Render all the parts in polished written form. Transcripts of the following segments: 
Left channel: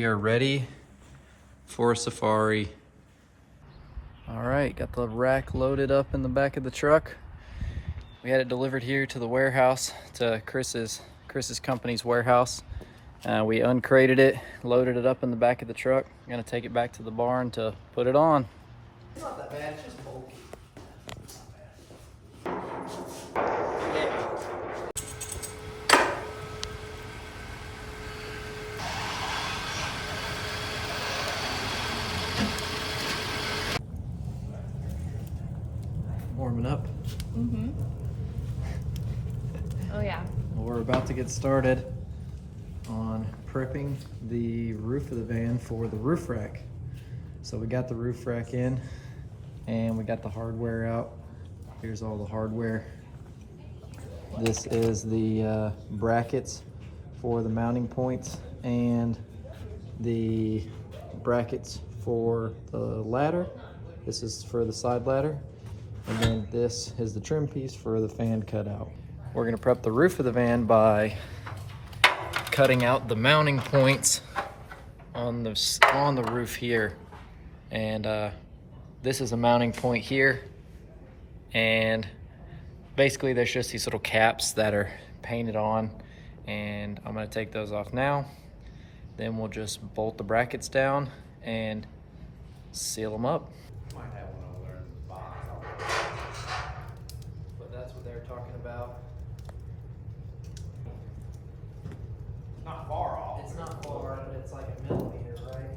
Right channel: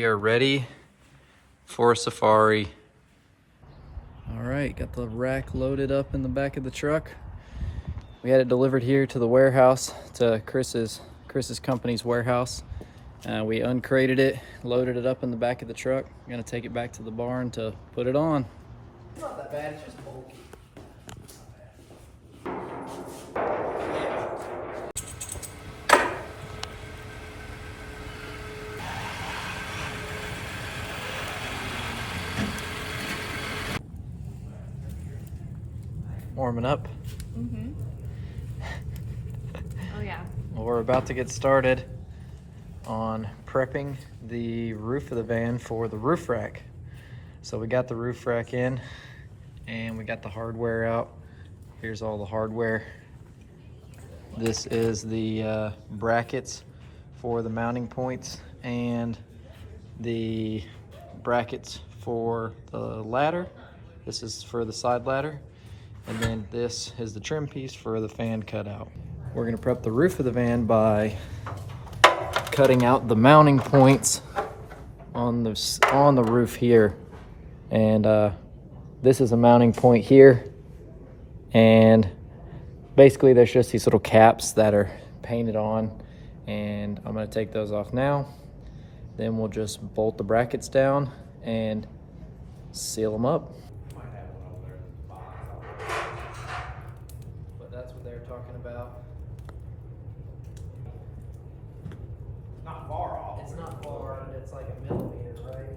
We are ready for a safari. All right, got the rack loaded up in the back of the truck. We had it delivered here to the warehouse, to Chris's company's warehouse. We uncrated it, loaded it up in the back of the truck. I'm gonna take it back to the barn to put it on. It's not that bad, it's just bulky. Warming up. Mm-hmm. Oh yeah. Well, we're about to get started on prepping the roof of the van for the roof rack. So we got the roof rack in and we got the hardware out. Here's all the hardware. This is the brackets for the mounting points and the brackets for the ladder. This is for the side ladder. And then this is the trim piece for the fan cutout. We're gonna prep the roof of the van by cutting out the mounting points on the roof here. And this is a mounting point here. And basically there's just these little caps that are painted on. And I'm gonna take those off now. Then we'll just bolt the brackets down and seal them up. But that's what they're talking about. Not far off. It's not far, it's like a millimeter, right?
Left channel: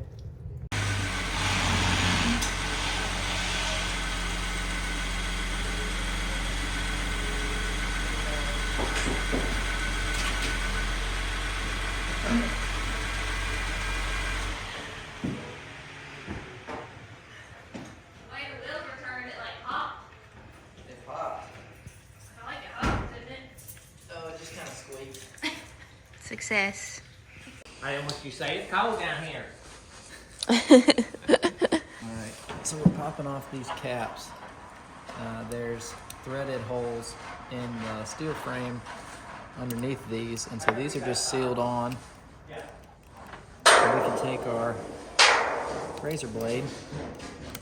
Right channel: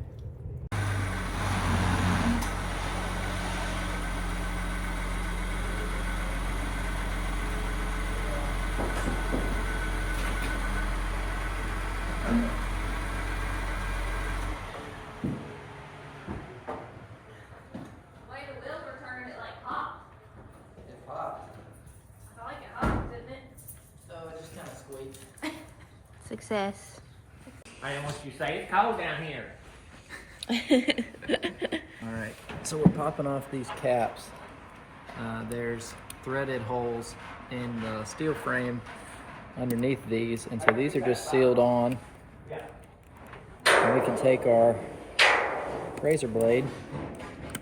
Success. I don't want you to say it's cold down here. All right, so we're popping off these caps. There's threaded holes in the steel frame underneath these, and so these are just sealed on. And we can take our razor blade,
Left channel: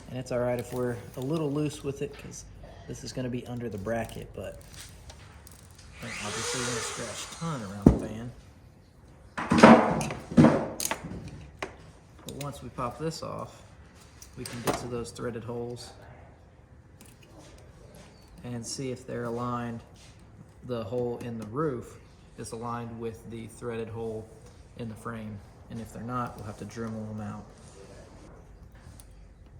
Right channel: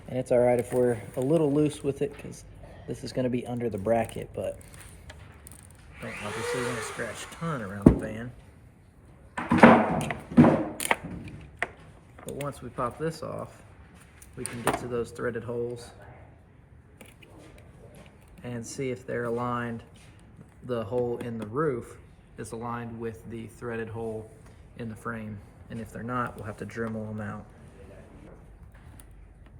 and it's all right if we're a little loose with it because this is going to be under the bracket, but don't obviously want to scratch a ton around the van. But once we pop this off, we can get to those threaded holes and see if they're aligned. The hole in the roof is aligned with the threaded hole in the frame. And if they're not, we'll have to Dremel them out.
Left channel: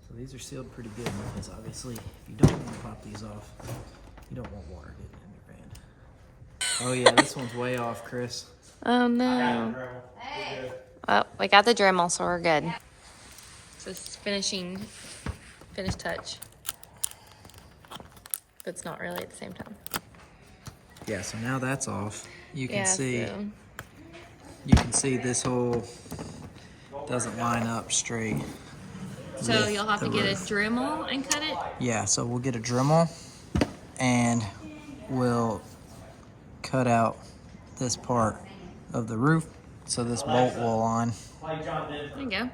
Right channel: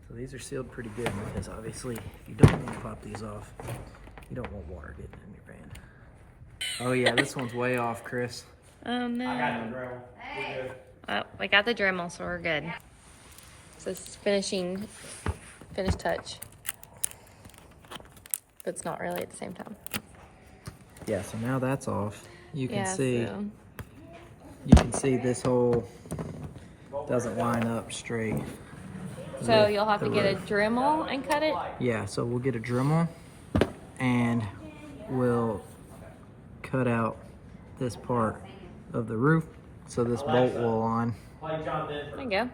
So these are sealed pretty good because obviously if you don't want to pop these off, you don't want water getting in your van. Oh yeah, this one's way off, Chris. Oh no. Well, we got the Dremel, so we're good. So this is finish touch. But it's not really at the same time. Yeah, so now that's off. You can Yeah, see so- you can see this hole doesn't line up straight. So with you'll have the to get a roof. Dremel and cut it? Yeah, so we'll get a Dremel and we'll cut out this part of the roof so this bolt will align. There you go.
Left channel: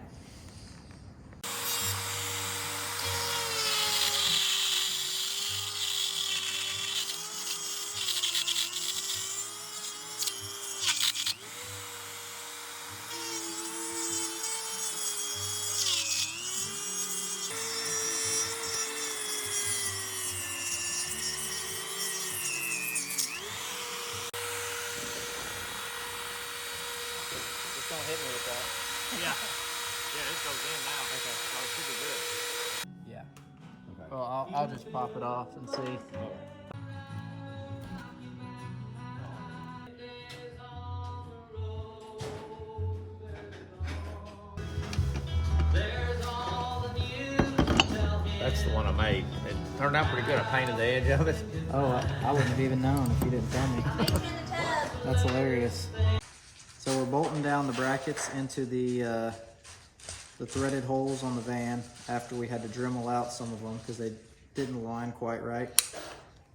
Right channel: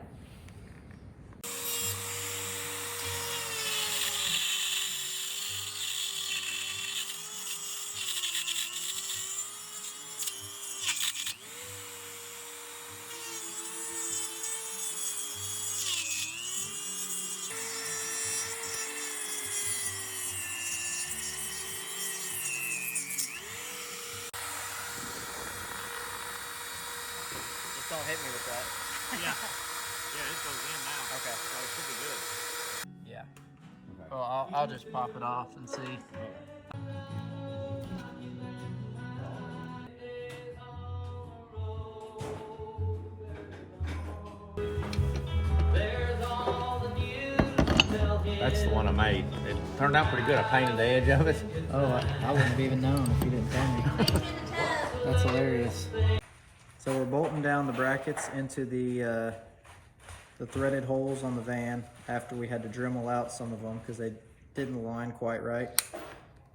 Just don't hit me with that. Yeah. Yeah, it goes in now. Okay. So it should be good. Yeah. Okay. Well, I'll just pop it off and see. That's the one I made. It turned out pretty good. I painted the edge of it. Oh, I wouldn't have even known if you didn't tell me. That's hilarious. So we're bolting down the brackets into the threaded holes on the van after we had to Dremel out some of them because they didn't align quite right.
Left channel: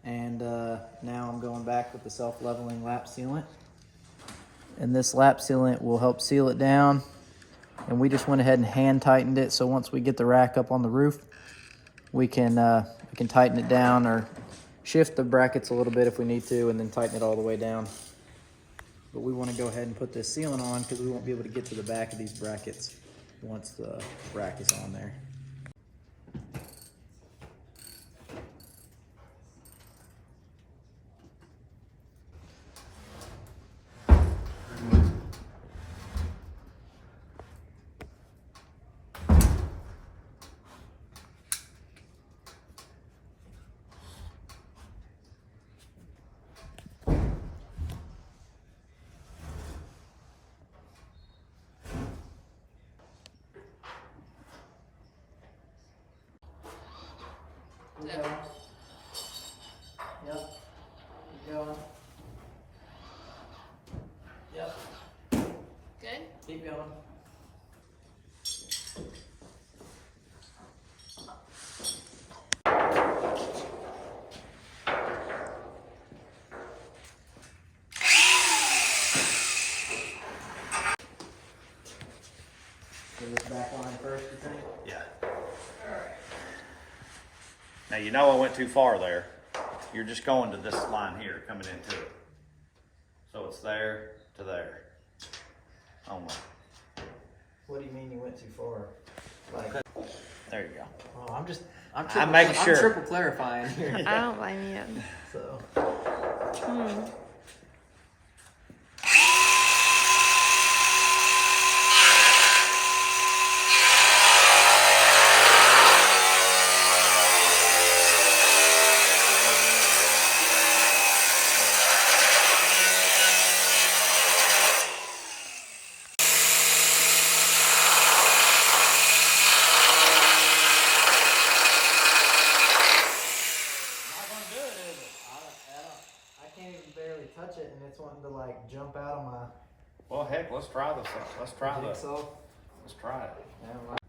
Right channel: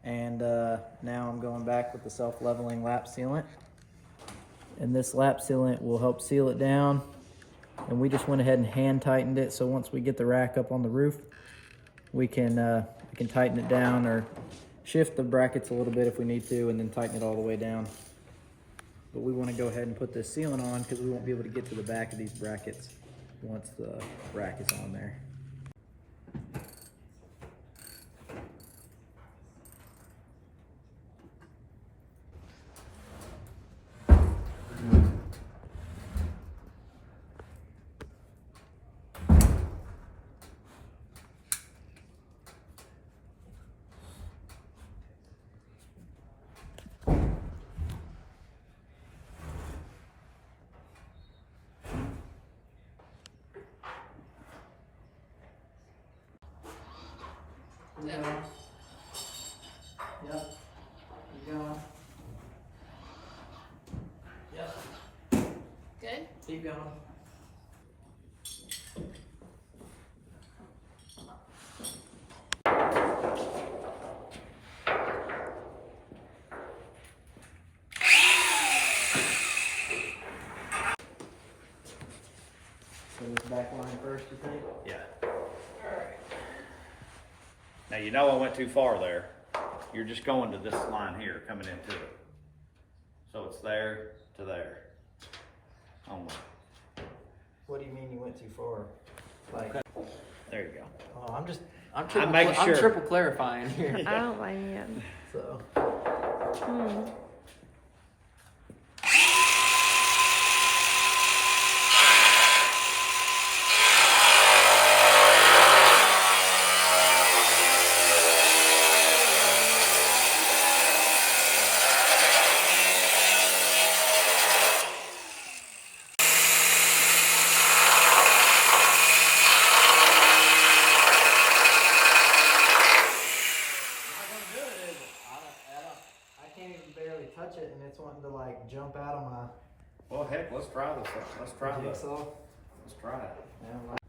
And now I'm going back with the self-leveling lap sealant. And this lap sealant will help seal it down and we just went ahead and hand tightened it. So once we get the rack up on the roof, we can tighten it down or shift the brackets a little bit if we need to, and then tighten it all the way down. But we want to go ahead and put this ceiling on because we won't be able to get to the back of these brackets once the rack is on there. Keep going. Yep. Keep going. Yep. Good? Keep going. Get this back line first, you think? Yeah. Now, you know I went too far there. You're just going to this line here, coming into it. So it's there to there. Only. What do you mean you went too far? Like, Okay. There you go. oh, I'm making sure. I'm triple clarifying here. I don't blame you. So. Touch it, and it's wanting to like jump out of my. Well, heck, let's try this. Let's try this. Jigsaw. Let's try it. Yeah, like,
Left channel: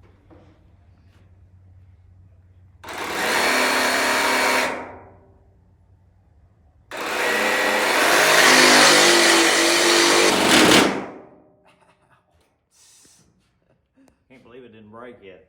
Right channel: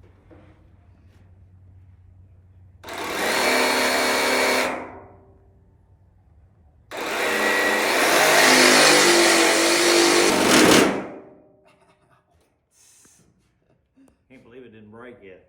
Can't believe it didn't break yet.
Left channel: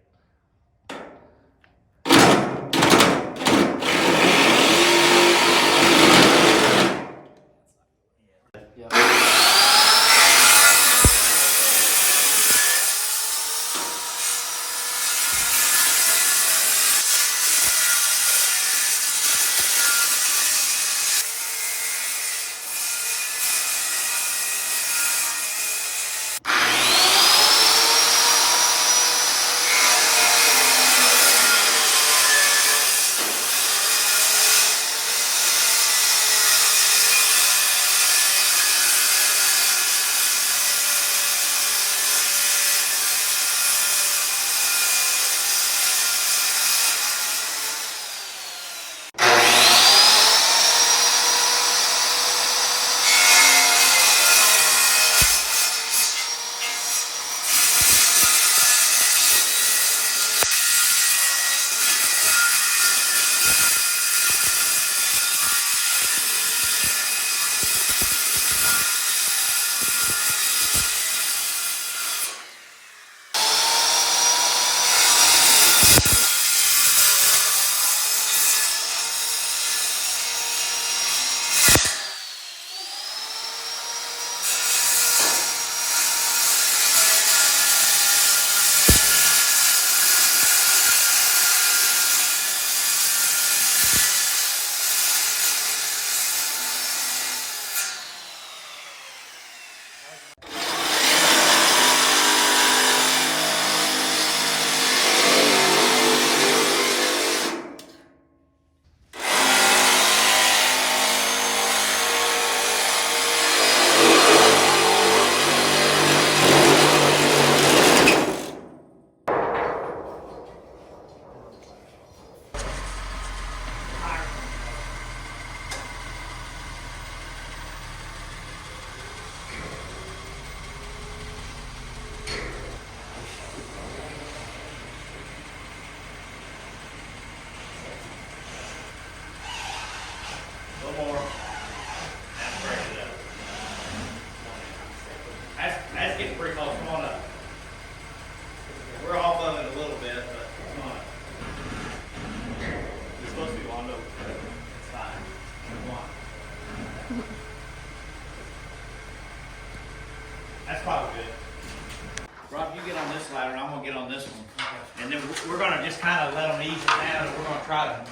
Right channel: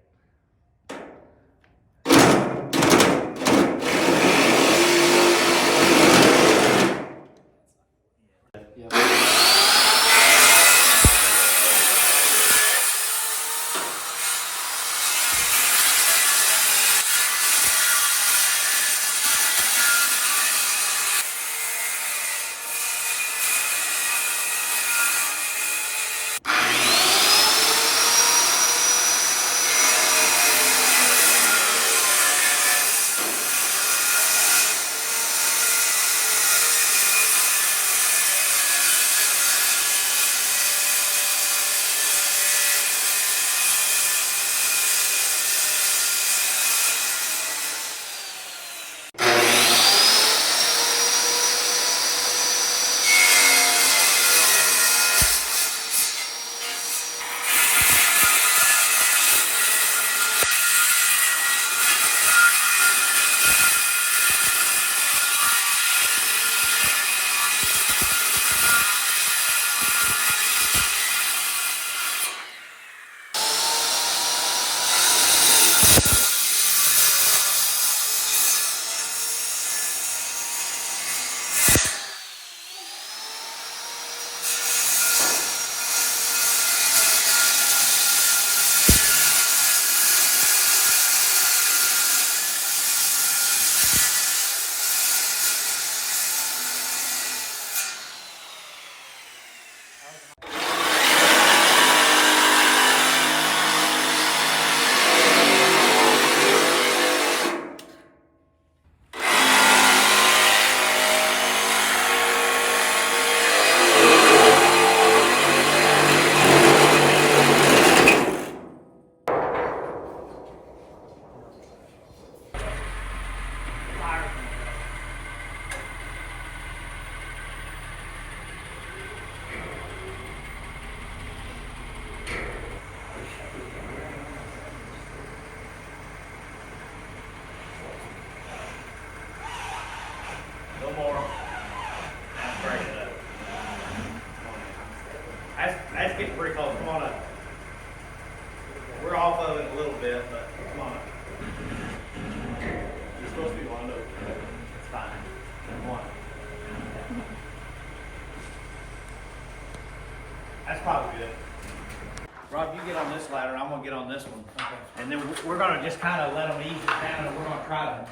Rob, you get on this ladder, and I'm gonna get on this one. Okay. And then we're gonna just kind of let them ease it down, and we're gonna try to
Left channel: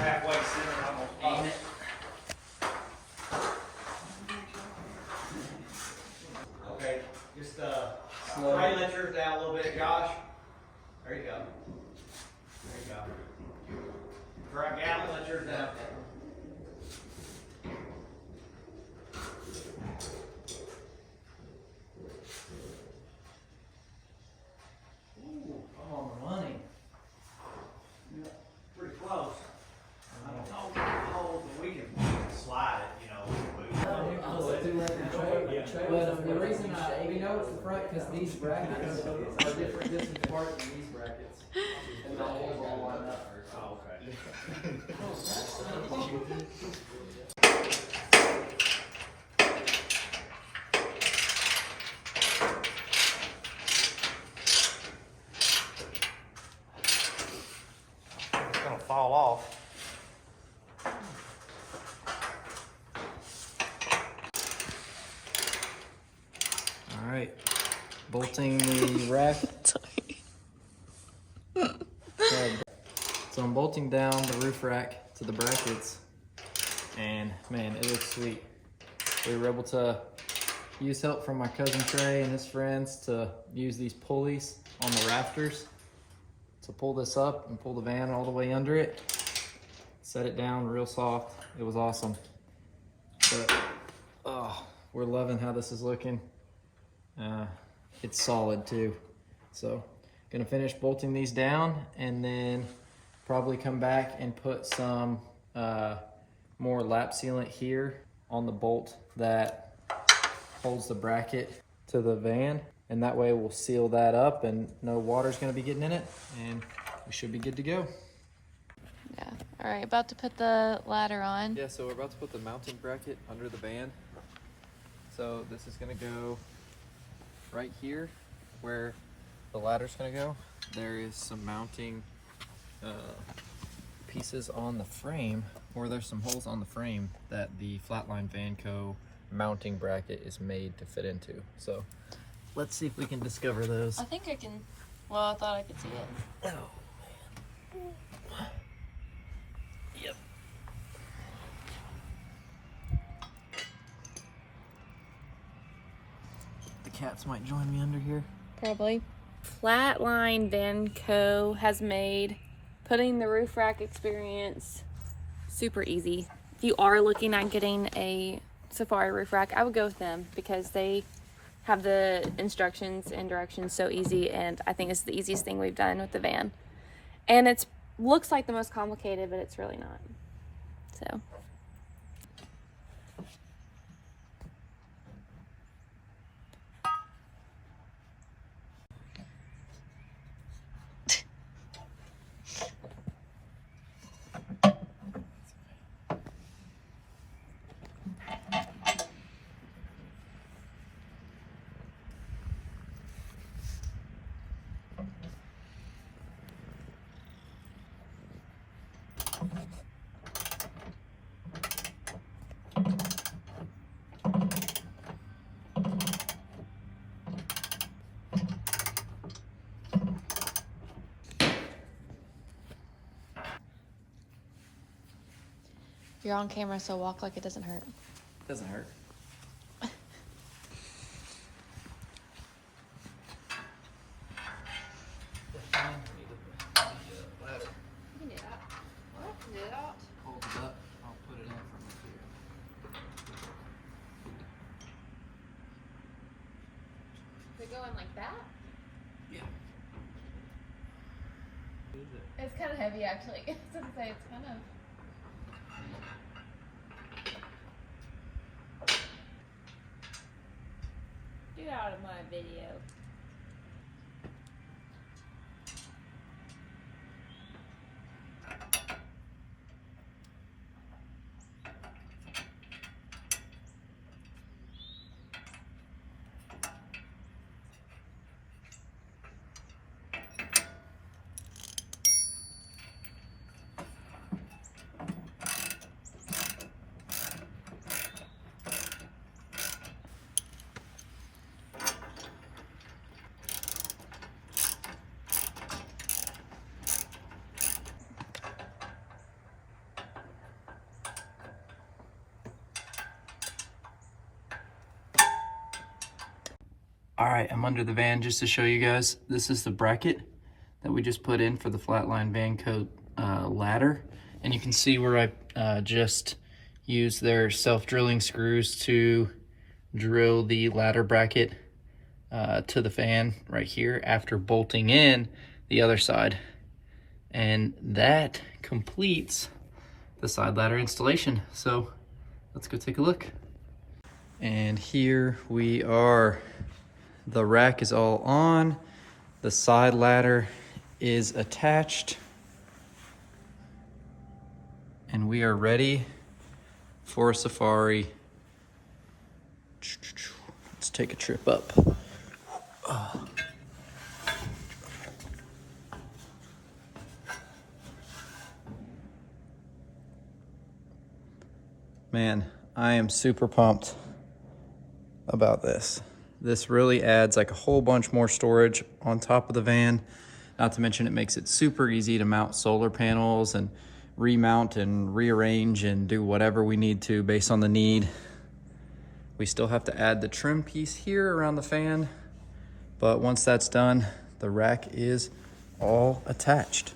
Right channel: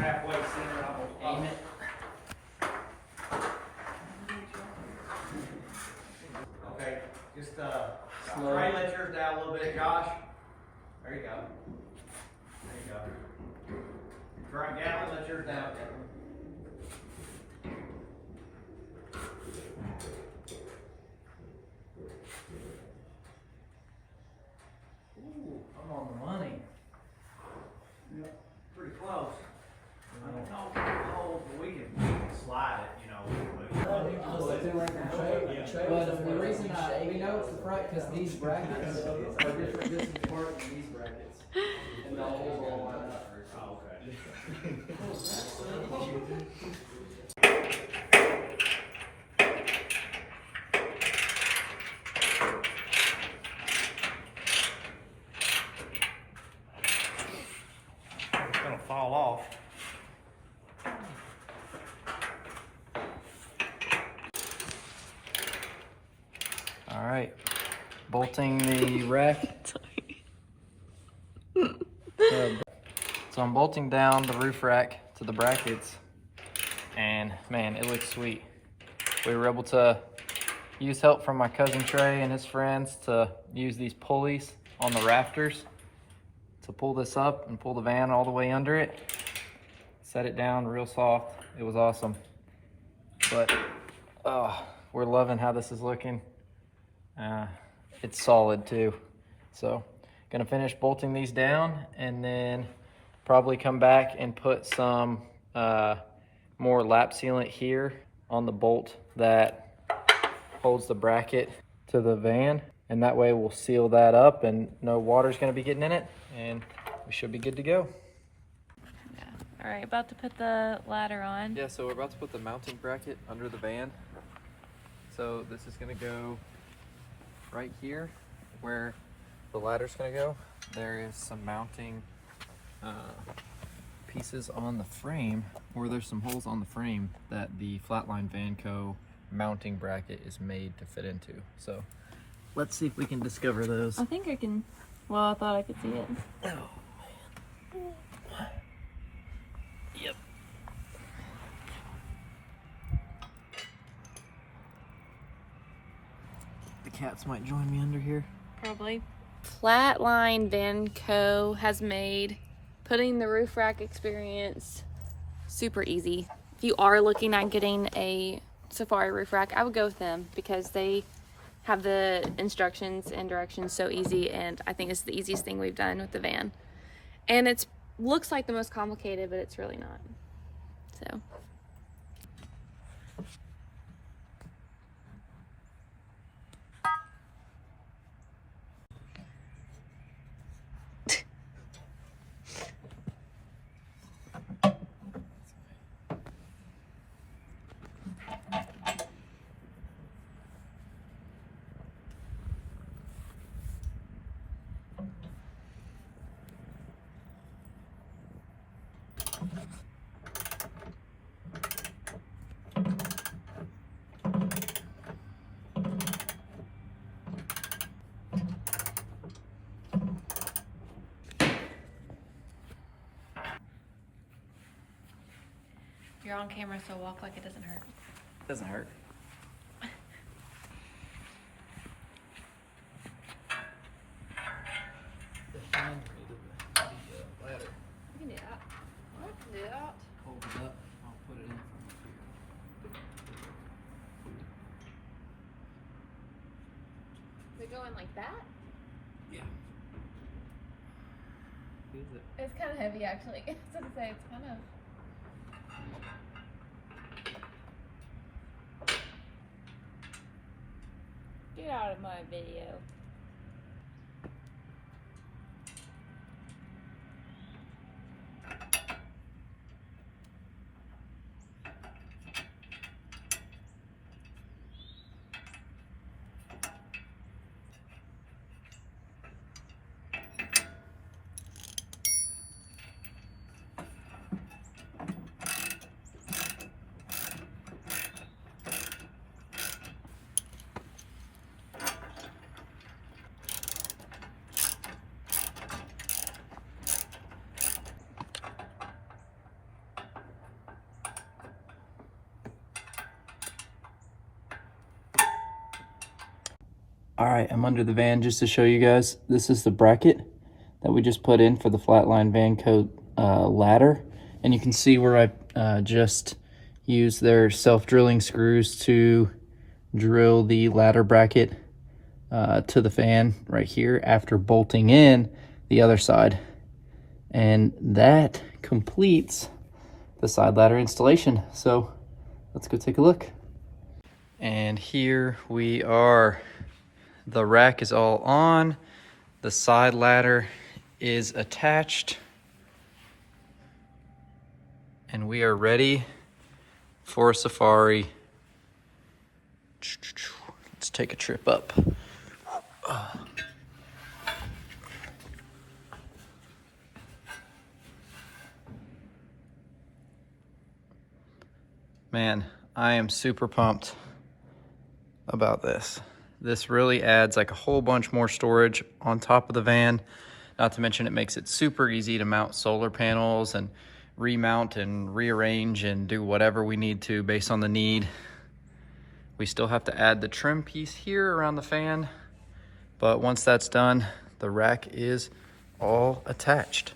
halfway center, almost aim it. Okay, just try to let yours down a little bit, Josh. There you go. There you go. Right down and let yours down. Ooh, I'm on the money. Yeah, pretty close. I don't know if we can hold, but we can slide it, you know. But the reason we know it's the front because these brackets are different distance apart than these brackets. And the holes all line up. Oh, okay. It's gonna fall off. All right, bolting the rack. Okay. So I'm bolting down the roof rack to the brackets, and man, it looks sweet. We were able to use help from my cousin Trey and his friends to use these pulleys on the rafters to pull this up and pull the van all the way under it. Set it down real soft. It was awesome. But we're loving how this is looking. It's solid too. So gonna finish bolting these down and then probably come back and put some more lap sealant here on the bolt that holds the bracket to the van, and that way we'll seal that up and no water's gonna be getting in it, and we should be good to go. Yeah. All right, about to put the ladder on. Yeah, so we're about to put the mounting bracket under the van. So this is gonna go right here where the ladder's gonna go. There is some mounting pieces on the frame, or there's some holes on the frame that the Flatline Van Co mounting bracket is made to fit into. So let's see if we can discover those. I think I can. Well, I thought I could see it. Oh man. Yep. The cats might join me under here. Probably. Flatline Van Co has made putting the roof rack experience super easy. If you are looking at getting a Safari roof rack, I would go with them because they have the instructions and directions so easy, and I think it's the easiest thing we've done with the van. And it looks like the most complicated, but it's really not. So. You're on camera, so walk like it doesn't hurt. Doesn't hurt. Ladder. You can do that. I can do that. Hold it up. I'll put it in from up here. They go in like that? Yeah. Is it? It's kind of heavy, actually. I was gonna say it's kind of. Get out of my video. All right, I'm under the van just to show you guys. This is the bracket that we just put in for the Flatline Van Co ladder. And you can see where I just used their self-drilling screws to drill the ladder bracket to the fan right here after bolting in the other side. And that completes the side ladder installation. So let's go take a look. And here we are. The rack is all on. The side ladder is attached. And we are ready for a safari. Let's take a trip up. Man, I am super pumped about this. This really adds like a whole bunch more storage on top of the van. Not to mention it makes it super easy to mount solar panels and remount and rearrange and do whatever we need to based on the need. We still have to add the trim piece here around the fan, but once that's done, the rack is all attached.